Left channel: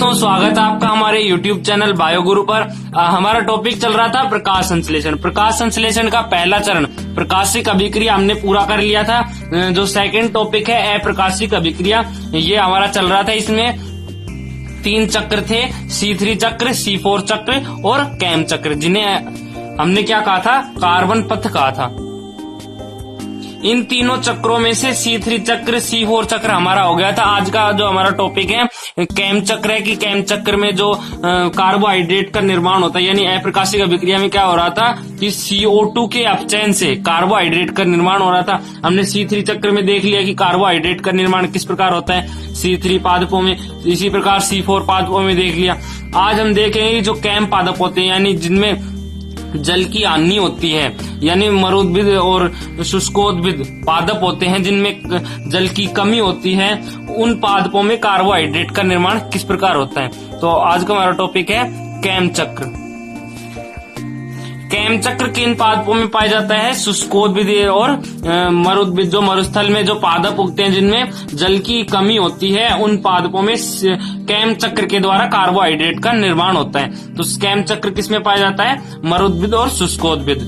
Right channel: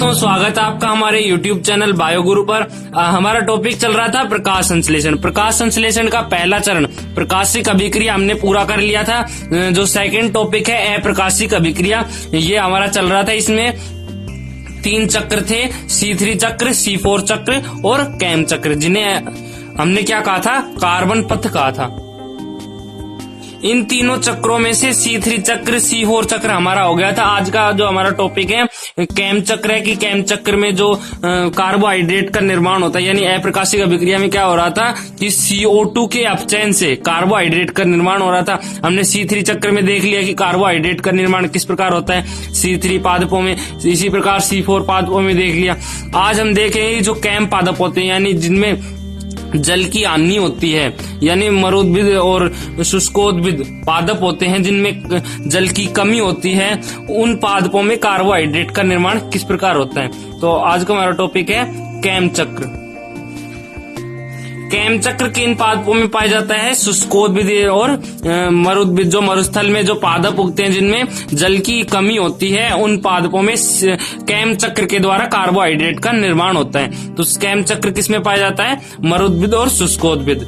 दोस्तों, स्वागत है आपका हमारे YouTube चैनल बायोगुरु पर। हमारा टॉपिक चल रहा था प्रकाश संश्लेषण। प्रकाश संश्लेषण का पहला चरण प्रकाशिक अभिक्रिया हमने पूरा कर लिया था। जो सेकंड टॉपिक है अप्रकाशिक अभिक्रिया, ये हमारा चल रहा था। इसमें 3 चक्र थे, C3 चक्र, C4 चक्र और कैम चक्र, जिन्हें हमने क्या कहा था, कार्बन पथ कहा था। इन तीनों चक्रों में से C3 चक्र, C4 चक्र हमारा हो गया था। आज का जो हमारा टॉपिक है कैम चक्र है कि कैम चक्र में जो कार्बोहाइड्रेट का निर्माण होता है, यानी अप्रकाशिक अभिक्रिया में क्या हो रहा था कि CO2 के अपचयन से कार्बोहाइड्रेट का निर्माण हो रहा था। हमने C3 चक्र में देख लिया कि कार्बोहाइड्रेट का निर्माण किस प्रकार होता है C3 पादपों में, इसी प्रकार C4 पादपों में देख लिया। आज हम देखेंगे जो कैम पादप होते हैं, यानी जिनमें जल की हानि होती है, यानी मरुद्भिद और शुष्कोद्भिद पादप होते हैं जिनमें जल की कमी होती है, उन पादपों में कार्बोहाइड्रेट का निर्माण किस प्रकार होता है। तो आज का हमारा टॉपिक है कैम चक्र। कैम चक्र किन पादपों में पाया जाता है, शुष्कोद्भिद और मरुद्भिद, जो मरुस्थल में जो पादप उगते हैं जिनमें जल की कमी होती है, उन पादपों में कैम चक्र के द्वारा कार्बोहाइड्रेट का निर्माण होता है। तो कैम चक्र किसमें पाया जाता है, मरुद्भिद और शुष्कोद्भिद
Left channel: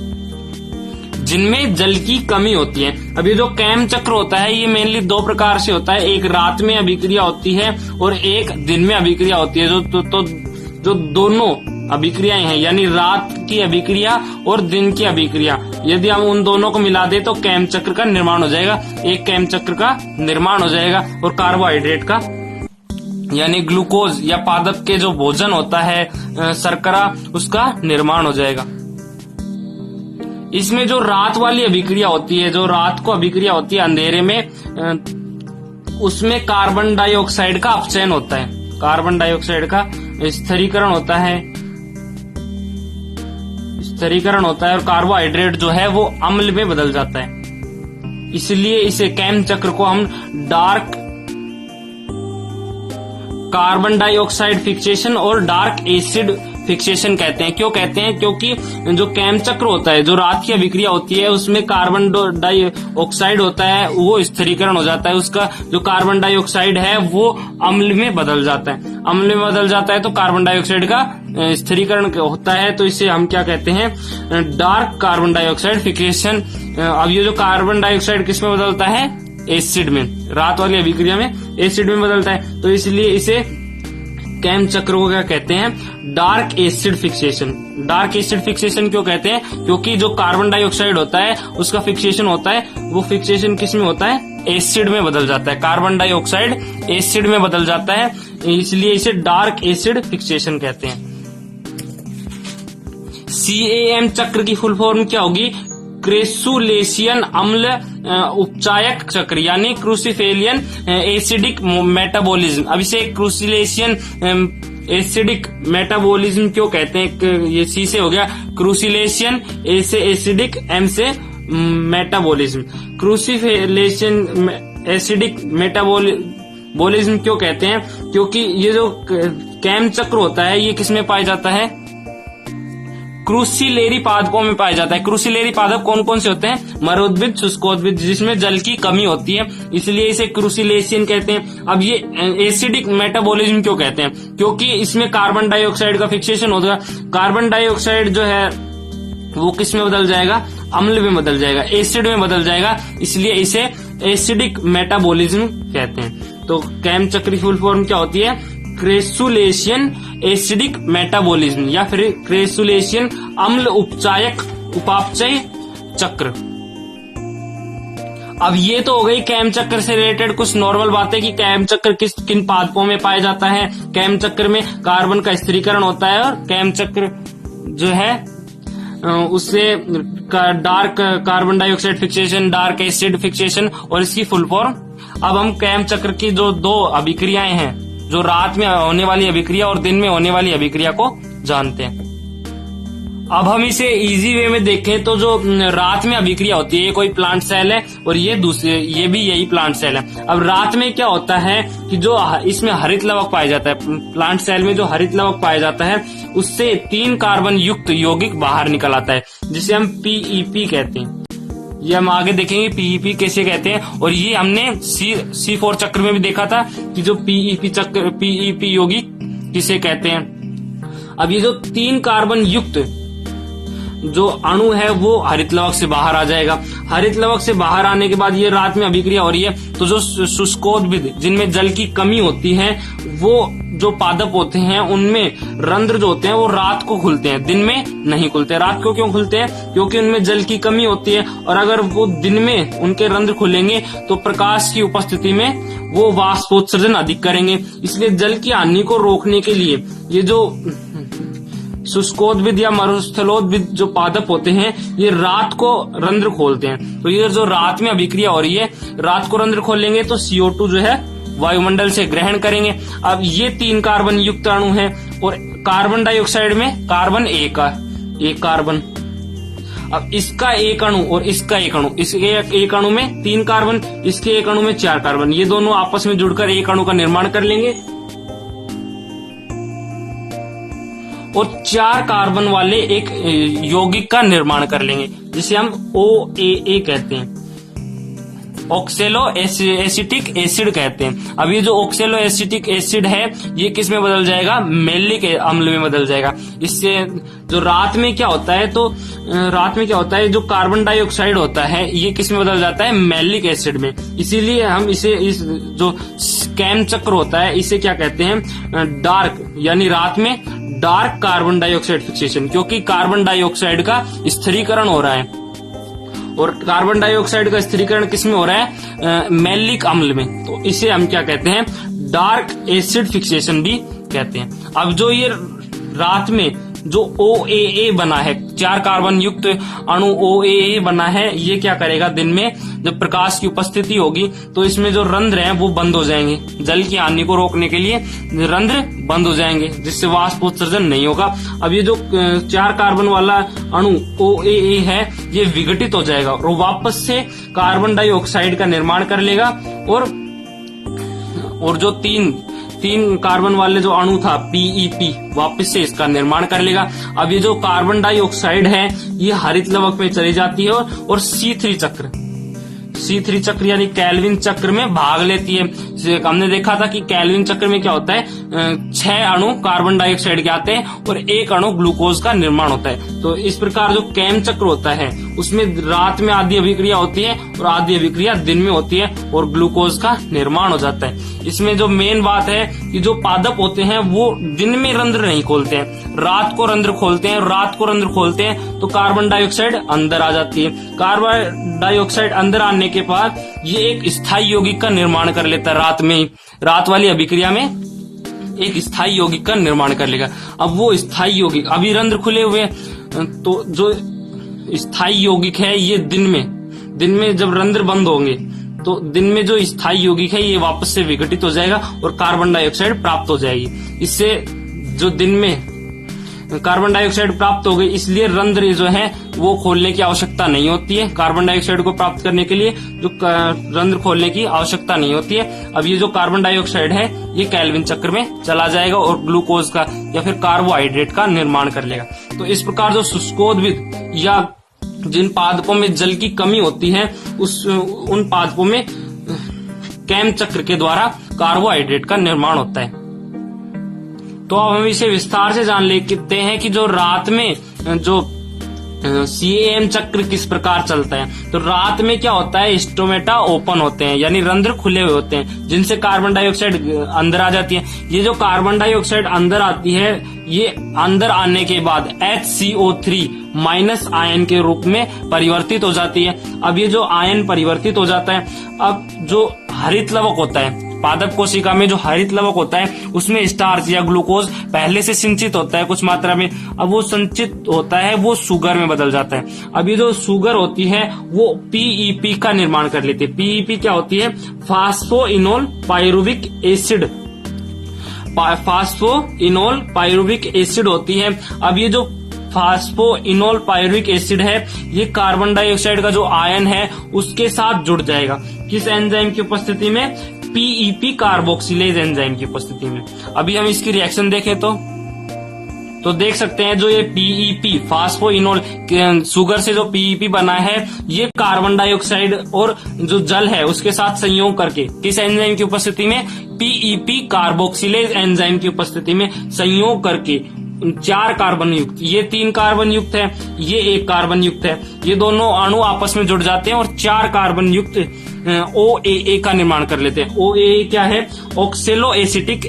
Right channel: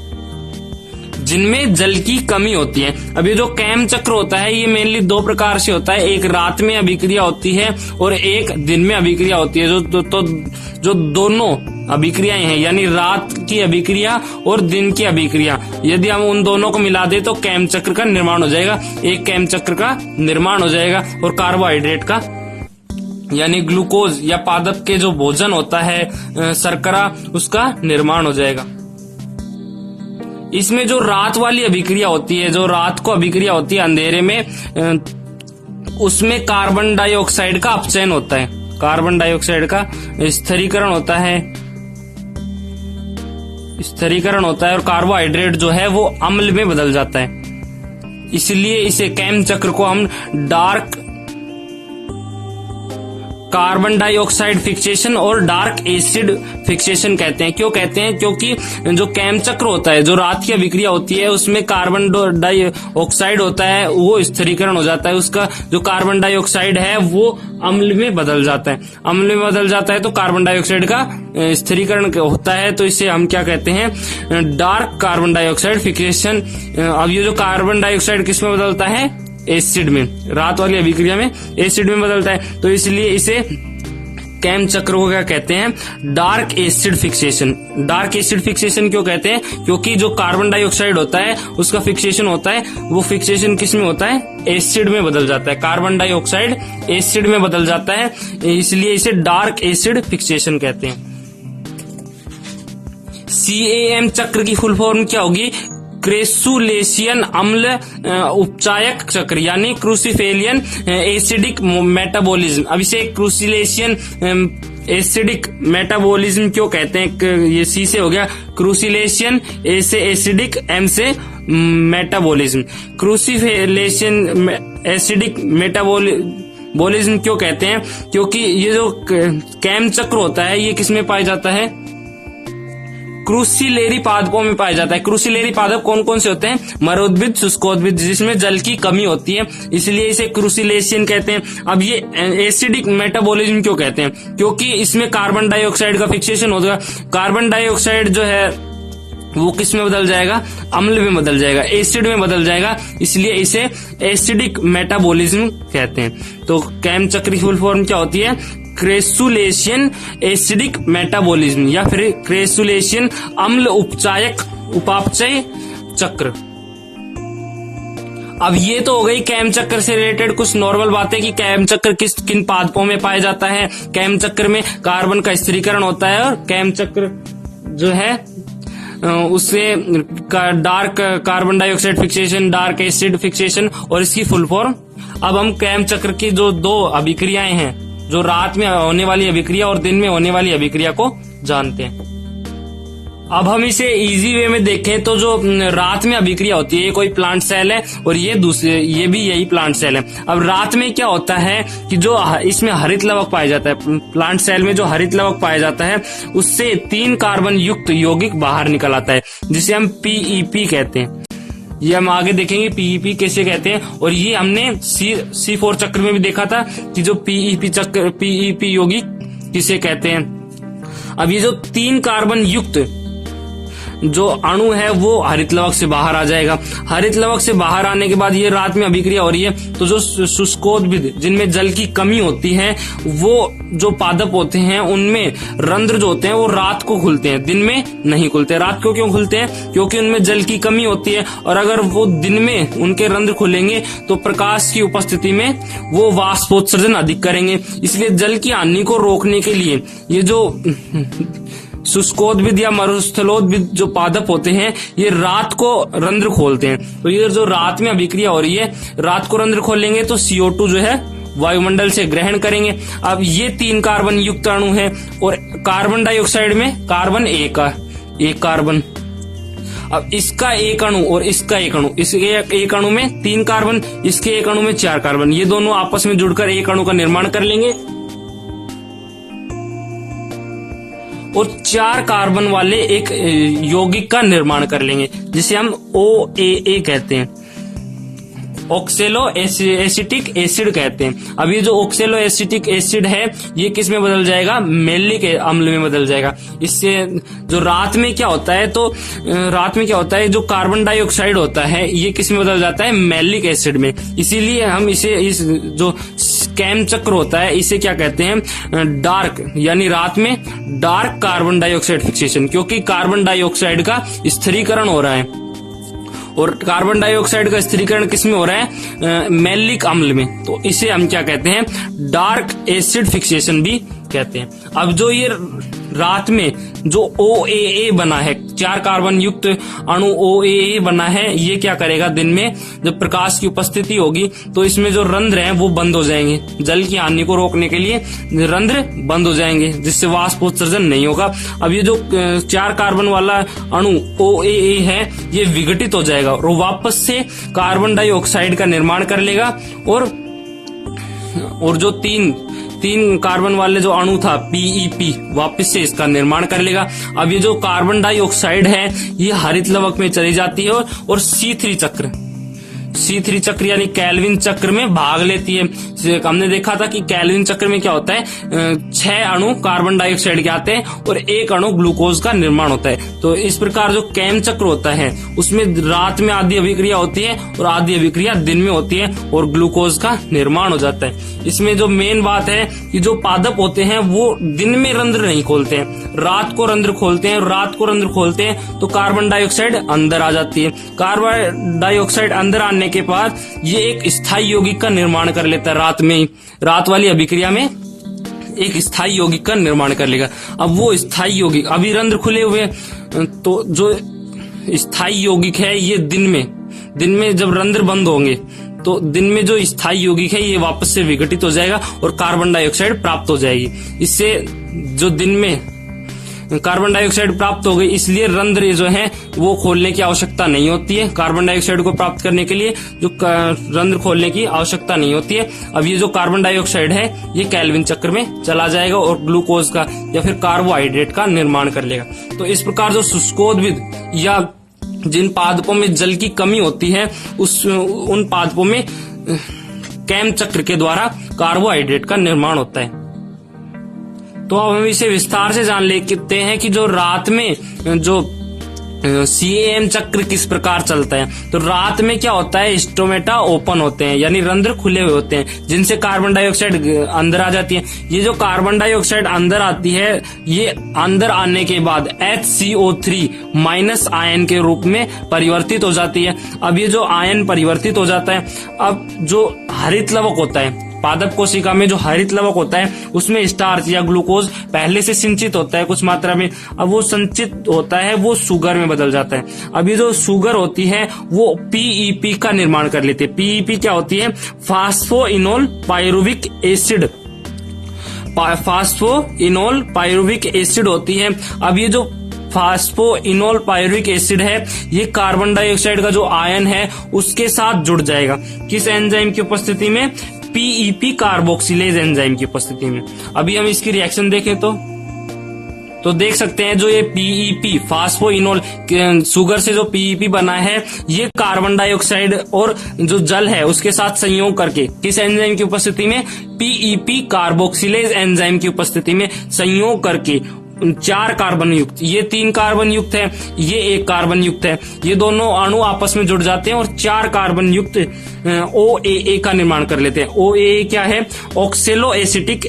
जिनमें जल की कमी होती है। अब ये जो कैम चक्र होता है ये मेनली 2 प्रकार से होता है, एक रात में अभिक्रिया होती है और एक दिन में अभिक्रिया होती है। जो दोनों अभिक्रियाएं हैं, यानी रात की अभिक्रिया और दिन की अभिक्रिया, यदि हम उन दोनों को मिला दे तो कैम चक्र का निर्माण हो जाएगा। एक कैम चक्र का निर्माण हो जाएगा और कार्बोहाइड्रेट का, यानी ग्लूकोज या पादप के जो भोजन होता है शर्करा, उसका निर्माण हो जाएगा। इसमें जो रात वाली अभिक्रिया होती है, जो रात को अभिक्रिया होती है अंधेरे में, उसमें कार्बन डाइऑक्साइड का अपचयन होता है, कार्बन डाइऑक्साइड का स्थिरीकरण होता है, और कार्बोहाइड्रेट जो है वो अम्ल में बदल जाता है। इसलिए इसे कैम चक्र को हम डार्क कार्बन डाइऑक्साइड फिक्सेशन और डार्क एसिड फिक्सेशन कहते हैं। क्यों कहते हैं, क्योंकि जो कैम चक्र होता है, जो रात की अभिक्रिया होती है, उसमें कार्बन डाइऑक्साइड होता है, वो स्थिरीकरण हो जाता है। उसका जो कार्बन डाइऑक्साइड है वो अम्ल में बदल जाता है, तो कार्बन डाइऑक्साइड का स्थिरीकरण होता है। तो इसे हम क्या कहते हैं, डार्क कार्बन डाइऑक्साइड फिक्सेशन। अब ये जो कार्बन डाइऑक्साइड किस में बदलता है, एसिड में, रात वाली अभिक्रिया में एसिड में बदलता है। तो इसलिए इसे कैम चक्र को क्या कहते हैं, dark acid fixation. Dark acid fixation क्यों कहते हैं, क्योंकि जो कार्बन डाइऑक्साइड होता है उसका फिक्सेशन होता है, वो फिक्सेशन किस में होता है, एसिड में बदल जाता है। कार्बन डाइऑक्साइड एसिड में बदल जाता है, इसलिए इसे डार्क एसिड फिक्सेशन कहते हैं। CAM चक्र की फुल फॉर्म क्या होगी, क्रेसुलेशियन अम्ल उपचायक चक्र, यानी क्रूसिफेलियन एसिडिक मेटाबॉलिज्म। अब इसे क्रूसिलेशियन एसिडिक मेटाबॉलिज्म क्यों कहते हैं, ये C से हो गया, क्रूसिलेशियन A से एसिडिक, M से मेटाबॉलिज्म। क्रूसिफेलेशियन एसिडिक मेटाबॉलिज्म क्यों कहते हैं, क्योंकि ये जो कैम चक्र होता है ये किसमें पाया जाता है, क्रूसिलेरी पादपों में पाया जाता है। क्रूसिलेरी पादप कौन कौन से होते हैं, मरुद्भिद, शुष्कोद्भिद, जिसमें जल की कमी होती है, इसलिए इसे क्रूसिलेशियन कहते हैं। अब ये एसिडिक मेटाबॉलिज्म क्यों कहते हैं, क्योंकि इसमें कार्बन डाइऑक्साइड का फिक्सेशन होगा। कार्बन डाइऑक्साइड जो है वो किस में बदल जाएगा, अम्ल में बदल जाएगा, एसिड में बदल जाएगा, इसलिए इसे एसिडिक मेटाबॉलिज्म कहते हैं। तो कैम चक्र की फुल फॉर्म क्या होती है, क्रेसुलेशियन एसिडिक मेटाबॉलिज्म या फिर क्रेसुलेशियन अम्ल उपापचय चक्र। अब ये तो हो गई कैम चक्र से रिलेटेड कुछ नॉर्मल बातें कि कैम चक्र किन पादपों में पाया जाता है। कैम चक्र में कार्बन का स्थिरीकरण होता है और कैम चक्र जो है उससे dark carbon dioxide fixation, dark acid fixation, और इसकी फुल फॉर्म। अब हम कैम चक्र की जो 2 अभिक्रियाएं हैं, जो रात में होने वाली अभिक्रिया और दिन में होने वाली अभिक्रिया को जानते हैं। अब हम इसे इजी वे में देखें तो जो रात में अभिक्रिया होती है, ये कोई प्लांट सेल है और ये भी यही प्लांट सेल है। अब रात में क्या होता है कि जो इसमें हरित लवक पाया जाता है, प्लांट सेल में जो हरित लवक पाया जाता है उससे 3 कार्बन युक्त यौगिक बाहर निकल आता है, जिसे हम PEP कहते हैं। ये हम आगे देखेंगे पीईपी कैसे कहते हैं। और ये हमने C4 चक्र में भी देखा था कि जो पीईपी यौगिक किसे कहते हैं। अब ये जो 3 कार्बन युक्त जो अणु है वो हरित लवक से बाहर आ जाएगा। हरित लवक से बाहर आने के बाद ये रात में अभिक्रिया हो रही है, तो जो शुष्कोद्भिद जिनमें जल की कमी होती है, वो जो पादप होते हैं उनमें रंध्र जो होते हैं वो रात को खुलते हैं, दिन में नहीं खुलते। रात को क्यों खुलते हैं? क्योंकि उनमें जल की कमी होती है, और अगर वो दिन में उनके रंध्र खुलेंगे तो प्रकाश की उपस्थिति में वो वाष्पोत्सर्जन अधिक करेंगे। इसलिए जल की हानि को रोकने के लिए ये जो शुष्कोद्भिद या मरुस्थलोद्भिद जो पादप होते हैं, ये रात को रंध्र खोलते हैं। तो ये जो रात में अभिक्रिया हो रही है, रात को रंध्र खोलेंगे तो CO2 जो है वायुमंडल से ग्रहण करेंगे। अब ये 3 कार्बन युक्त अणु है, और कार्बन डाइऑक्साइड में कार्बन एक कार्बन। अब इसका एक अणु और इसका एक अणु, इसके एक अणु में 3 कार्बन, इसके एक अणु में 4 कार्बन, ये दोनों आपस में जुड़कर एक अणु का निर्माण कर लेंगे, और 4 कार्बन वाले एक यौगिक का निर्माण कर लेंगे, जिसे हम OAA कहते हैं, ऑक्सेलो एसिटिक एसिड कहते हैं। अब ये जो ऑक्सेलो एसिटिक एसिड है, ये किस में बदल जाएगा? मैलिक अम्ल में बदल जाएगा। इससे जो रात में क्या होता है, तो रात में क्या होता है, जो कार्बन डाइऑक्साइड होता है ये किस में बदल जाता है? मैलिक एसिड में। इसीलिए हम इसे, इस जो कैम चक्र होता है, इसे क्या कहते हैं? डार्क, यानी रात में डार्क कार्बन डाइऑक्साइड फिक्सेशन, क्योंकि कार्बन डाइऑक्साइड का स्थिरीकरण हो रहा है, और कार्बन डाइऑक्साइड का स्थिरीकरण किसमें हो रहा है? मैलिक अम्ल में। तो इसे हम क्या कहते हैं? डार्क एसिड फिक्सेशन भी कहते हैं। अब जो ये रात में जो OAA बना है, 4 कार्बन युक्त अणु OAA बना है, ये क्या करेगा? दिन में जब प्रकाश की उपस्थिति होगी तो इसमें जो रंध्र हैं वो बंद हो जाएंगे, जल की हानि को रोकने के लिए रंध्र बंद हो जाएंगे, जिससे वाष्पोत्सर्जन नहीं होगा। अब ये जो 4 कार्बन वाला अणु OAA है, ये विघटित हो जाएगा और वापस से कार्बन डाइऑक्साइड का निर्माण कर लेगा, और जो 3 कार्बन वाले जो अणु था PEP, वापस से इसका निर्माण कर लेगा। अब ये जो कार्बन डाइऑक्साइड है, ये हरित लवक में चली जाती है और C3 चक्र यानी कैल्विन चक्र में भाग लेती है। हमने देखा था कि कैल्विन चक्र में क्या होता है, 6 अणु कार्बन डाइऑक्साइड के आते हैं और 1 अणु ग्लूकोज का निर्माण होता है। तो इस प्रकार जो कैम चक्र होता है, उसमें रात में आधी अभिक्रिया होती है और आधी अभिक्रिया दिन में होती है, और ग्लूकोज का निर्माण हो जाता है। इसमें जो मेन बात है कि जो पादप होते हैं वो दिन में रंध्र नहीं खोलते हैं, रात को रंध्र खोलते हैं, और रात को रंध्र खोलते हैं तो कार्बन डाइऑक्साइड अंदर आ जाती है। कार्बन डाइऑक्साइड अंदर आने के बाद ये एक स्थायी यौगिक का निर्माण कर लेता है, रात में ही, रात वाली अभिक्रिया में एक स्थायी यौगिक का निर्माण कर लेगा। अब वो स्थायी यौगिक, अभी रंध्र खुले हुए, तो जो स्थायी यौगिक है ये दिन में जब रंध्र बंद होंगे तो दिन में जो स्थायी यौगिक है ये वापस से विघटित हो जाएगा और कार्बन डाइऑक्साइड प्राप्त हो जाएगी। इससे जो दिन में कार्बन डाइऑक्साइड प्राप्त हो गई, इसलिए रंध्र जो है वो खोलने की आवश्यकता नहीं होती है। कार्बन डाइऑक्साइड को प्राप्त करने के लिए जो रंध्र खोलने की आवश्यकता नहीं होती है। अब ये जो कार्बन डाइऑक्साइड है ये कैल्विन चक्र में चला जाएगा और ग्लूकोज का या फिर कार्बोहाइड्रेट का निर्माण कर लेगा। तो इस प्रकार जो शुष्कोद्भिद या जिन पादपों में जल की कमी होती है उन पादपों में कैम चक्र के द्वारा कार्बोहाइड्रेट का निर्माण होता है। तो अब हम इसे विस्तार से जान लेते हैं कि जो रात में जो CAM चक्र किस प्रकार चलता है। तो रात में क्या होता है, स्टोमेटा ओपन होते हैं, यानी रंध्र खुले हुए होते हैं, जिनसे कार्बन डाइऑक्साइड अंदर आ जाती है। ये जो कार्बन डाइऑक्साइड अंदर आती है, ये अंदर आने के बाद HCO3 माइनस आयन के रूप में परिवर्तित हो जाती है। अब ये जो आयन परिवर्तित हो जाता है, अब जो हरित लवक होता है, पादप कोशिका में जो हरित लवक होता है उसमें स्टार्च या ग्लूकोज पहले से संचित होता है कुछ मात्रा में। अब वो संचित होता है वो शुगर में बदल जाता है। अब ये जो शुगर होती है वो PEP का निर्माण कर लेती है। PEP क्या होती है? Phosphoenol pyruvic acid, phosphoenol pyruvic acid होती है। अब ये जो फास्फोइनोल पायरुविक एसिड है ये कार्बन डाइऑक्साइड का जो आयन है उसके साथ जुड़ जाएगा। किस एंजाइम की उपस्थिति में? PEP कार्बोक्सिलेज एंजाइम की उपस्थिति में। अभी हम इसकी रिएक्शन देखें तो तो देख सकते हैं जो ये पीईपी फास्फोइनोल शुगर से जो पीईपी बना है, ये कार्बन डाइऑक्साइड और जो जल है उसके साथ संयोग करके किस एंजाइम की उपस्थिति में, पीईपी कार्बोक्सिलेज एंजाइम की उपस्थिति में संयोग करके 4 कार्बन युक्त, ये 3 कार्बन युक्त है, ये 1 कार्बन युक्त है, ये दोनों अणु आपस में जुड़ जाते हैं और 4 कार्बन युक्त OAA का निर्माण कर लेते हैं। OAA क्या है? ऑक्सेलो एसिटिक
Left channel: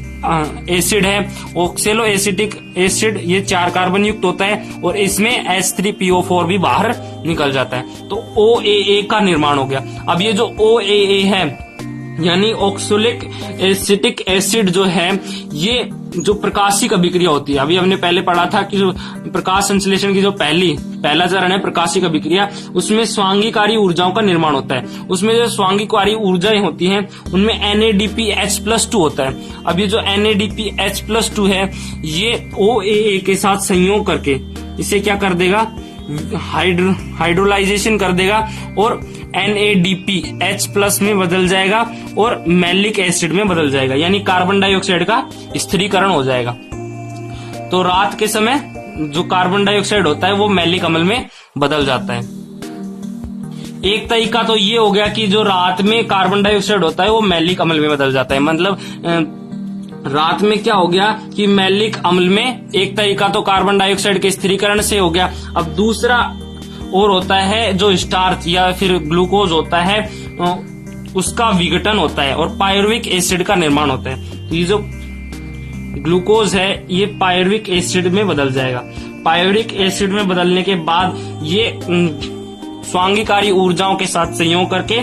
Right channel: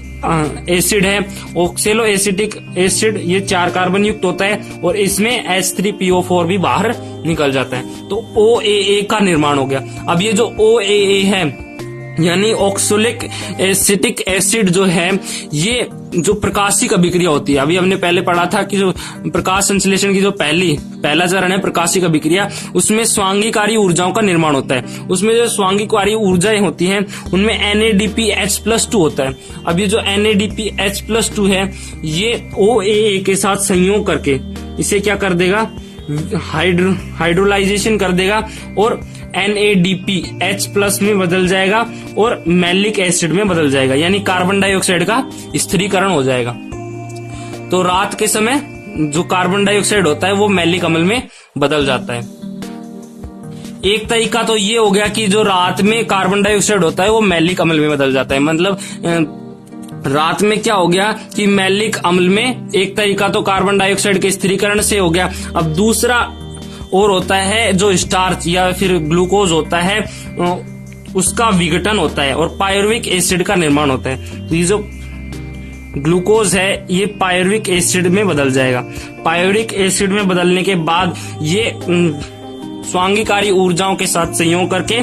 एसिड है। ऑक्सेलो एसिटिक एसिड ये 4 कार्बन युक्त होता है और इसमें H3PO4 भी बाहर निकल जाता है, तो OAA का निर्माण हो गया। अब ये जो OAA है यानी ऑक्सैलिक एसिटिक एसिड जो है, ये जो प्रकाशिक अभिक्रिया होती है, अभी हमने पहले पढ़ा था कि जो प्रकाश संश्लेषण की जो पहला चरण है प्रकाशिक अभिक्रिया, उसमें स्वांगीकारी ऊर्जाओं का निर्माण होता है। उसमें जो स्वांगीकारी ऊर्जाएं होती हैं उनमें NADPH+2 होता है। अब ये जो NADPH+2 है, ये OAA के साथ संयोग करके इसे क्या कर देगा, हाइड्रोलाइजेशन कर देगा और NADPH+ में बदल जाएगा और मैलिक एसिड में बदल जाएगा, यानी कार्बन डाइऑक्साइड का स्थिरीकरण हो जाएगा। तो रात के समय जो कार्बन डाइऑक्साइड होता है वो मैलिक अम्ल में बदल जाता है। एक तरीका तो ये हो गया कि जो रात में कार्बन डाइऑक्साइड होता है वो मैलिक अम्ल में बदल जाता है, मतलब रात में क्या हो गया कि मैलिक अम्ल में एक तरीका तो कार्बन डाइऑक्साइड के स्थिरीकरण से हो गया। अब दूसरा और होता है जो स्टार्च या फिर ग्लूकोज होता है उसका विघटन होता है और पायरुविक एसिड का निर्माण होता है। तो ये जो ग्लूकोज है ये पायरुविक एसिड में बदल जाएगा। पायरुविक एसिड में बदलने के बाद ये स्वांगीकारी ऊर्जाओं के साथ संयोग करके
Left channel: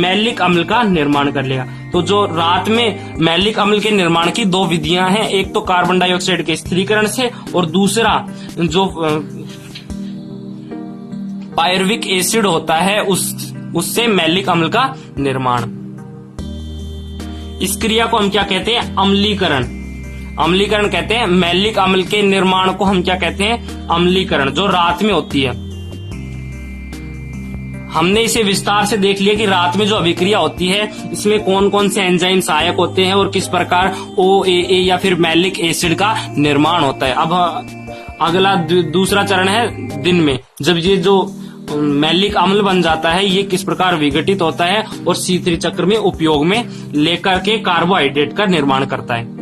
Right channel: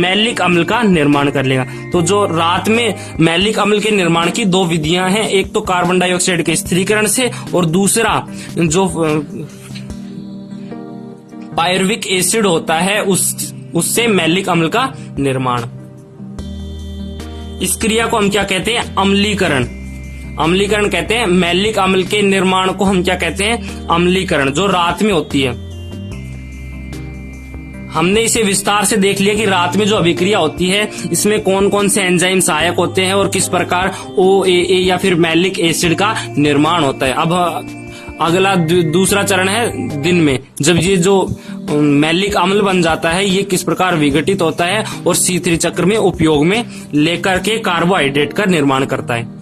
मैलिक अम्ल का निर्माण कर लेगा। तो जो रात में मैलिक अम्ल के निर्माण की 2 विधियां हैं, एक तो कार्बन डाइऑक्साइड के स्थिरीकरण से और दूसरा जो पायरुविक एसिड होता है उससे मैलिक अम्ल का निर्माण। इस क्रिया को हम क्या कहते हैं, अम्लीकरण। अम्लीकरण कहते हैं। मैलिक अम्ल के निर्माण को हम क्या कहते हैं, अम्लीकरण, जो रात में होती है। हमने इसे विस्तार से देख लिया कि रात में जो अभिक्रिया होती है इसमें कौन कौन से एंजाइम सहायक होते हैं और किस प्रकार OAA या फिर मैलिक एसिड का निर्माण होता है। अब अगला दूसरा चरण है दिन में, जब ये जो मैलिक अम्ल बन जाता है ये किस प्रकार विघटित होता है और C3 चक्र में उपयोग में लेकर के कार्बोहाइड्रेट का निर्माण करता है।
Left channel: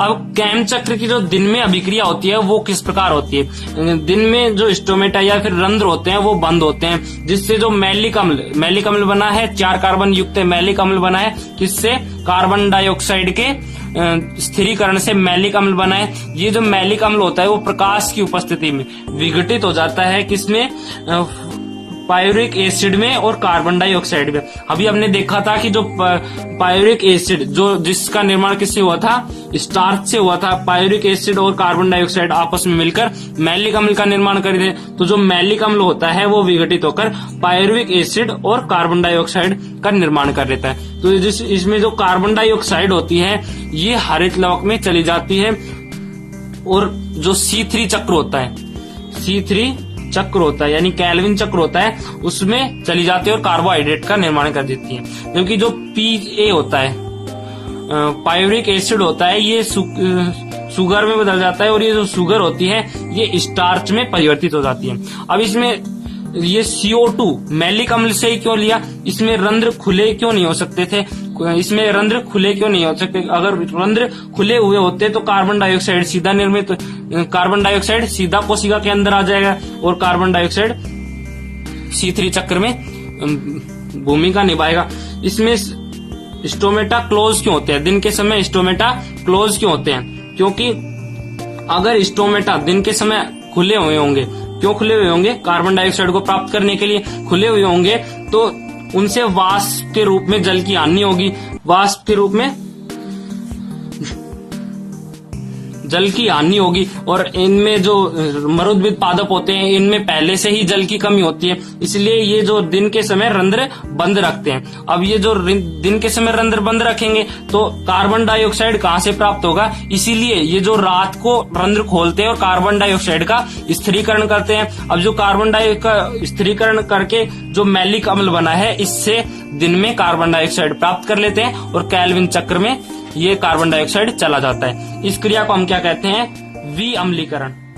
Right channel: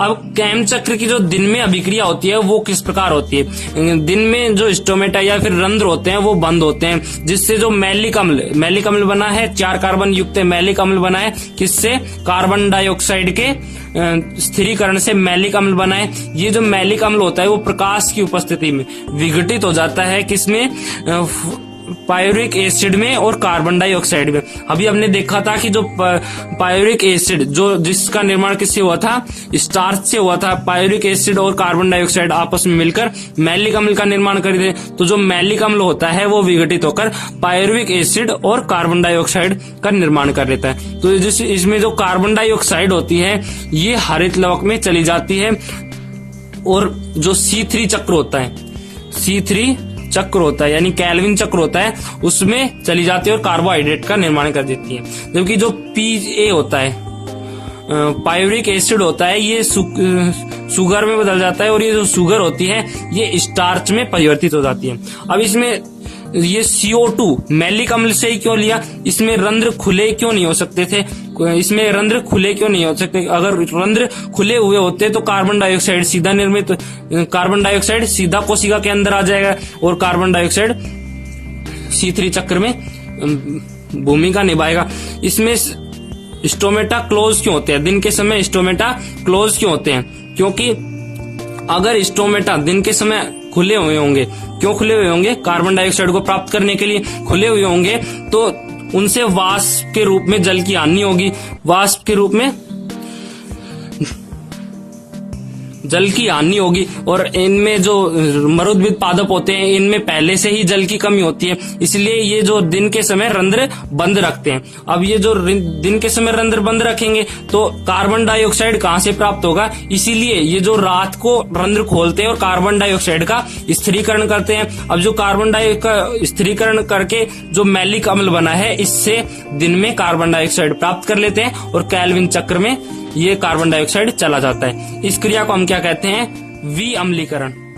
अब कैम चक्र की जो दिन में अभिक्रिया होती है वो किस प्रकार होती है। दिन में जो स्टोमेटा या फिर रंध्र होते हैं वो बंद होते हैं, जिससे जो मैलिक अम्ल बना है 4 कार्बन युक्त मैलिक अम्ल बना है, किससे, कार्बन डाइऑक्साइड के स्थिरीकरण से मैलिक अम्ल बना है। ये जो मैलिक अम्ल होता है वो प्रकाश की उपस्थिति में विघटित हो जाता है, किसमें, पायरुविक एसिड में और कार्बन डाइऑक्साइड में। अभी हमने देखा था कि जो पायरुविक एसिड जिसका निर्माण किससे हुआ था, स्टार्च से हुआ था। पायरुविक एसिड और कार्बन डाइऑक्साइड आपस में मिलकर मैलिक अम्ल का निर्माण कर दे, तो जो मैलिक अम्ल होता है वो विघटित होकर पायरुविक एसिड और कार्बन डाइऑक्साइड का निर्माण कर लेता है। तो इसमें जो कार्बन डाइऑक्साइड होती है ये हरित लवक में चली जाती है और जो C3 चक्र होता है, C3 चक्र होता है यानी केल्विन चक्र होता है, उसमें चली जाती है और कार्बोहाइड्रेट का निर्माण कर देती है। जबकि जो PA होता है, पायरुविक एसिड होता है, ये शुगर में बदल जाता है और ये जो शुगर होती है ये स्टार्च में परिवर्तित हो जाती है। अब इसमें ये CO2 मैलिक अम्ल से ही क्यों लिया, इसमें रंध्र खुले क्यों नहीं हो सकते थे, इसमें रंध्र खुले क्यों नहीं हो सकते। अगर रंध्र खुले हुए होते तो कार्बन डाइऑक्साइड सीधा निर्मित, कार्बन डाइऑक्साइड सीधा कोशिका के अंदर आ जाएगा और कार्बन डाइऑक्साइड C3 चक्र में भूमिका निभाएगा। इसमें स्टोमेटा क्लोज क्यों होते हैं, दिन के समय स्टोमेटा क्लोज क्यों होते हैं, क्योंकि अगर स्टोमेटा दिन के समय खुले हुए होंगे, क्यों खुले हुए होंगे, कार्बन डाइऑक्साइड को प्राप्त करने के लिए खुले हुए होंगे, तो उनसे वाष्प के रूप में जल की हानि होगी, वाष्प के रूप में जल की हानि होगी और इनमें जो मरुद्भिद पादप होते हैं इनमें पहले से ही जल की कमी होती है, इसलिए ये जो दिन के समय रंध्र बंद रखते हैं। अब ये जो दिन के समय रंध्र बंद रखेंगे तो कार्बन डाइऑक्साइड कहाँ से प्राप्त होगा, इसीलिए ये जो रात को रंध्र खोलते हैं और कार्बन डाइऑक्साइड का स्थिरीकरण करते हैं। अब जो कार्बन डाइऑक्साइड का स्थिरीकरण करके जो मैलिक अम्ल बना है इससे दिन में कार्बन डाइऑक्साइड प्राप्त कर लेते हैं और केल्विन चक्र में ये कार्बन डाइऑक्साइड चला जाता है। इस क्रिया को हम क्या कहते हैं, विअम्लीकरण।